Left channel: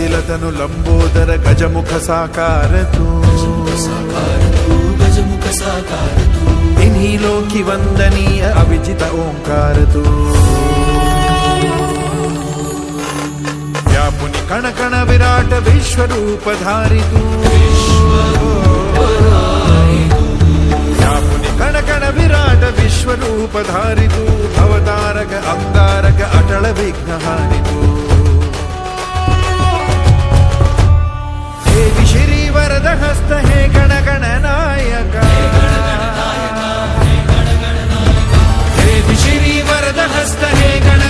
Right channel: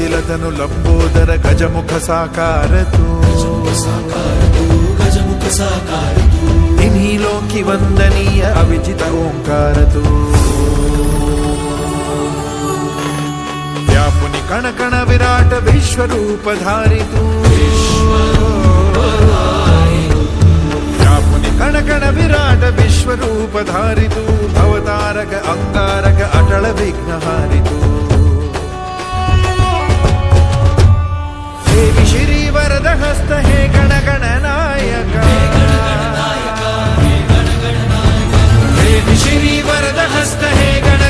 ಕುಂದಿಲತನು ಲಂಬೋದರ ಗಜಮುಖ ಸಾಕಾರ ತೂ इन्हीं लोकी वंदनीय अविजित ओंकार तू व्यापुनि कण कण विराट विश्वरूप धारि तू व्यापुनि कण कण विराट विश्वरूप धारि तू भवतारक अंगारक अटल विघ्नहारि वरद हस्त हे गण गण नायक देवी श्री वरद हस्त हे गण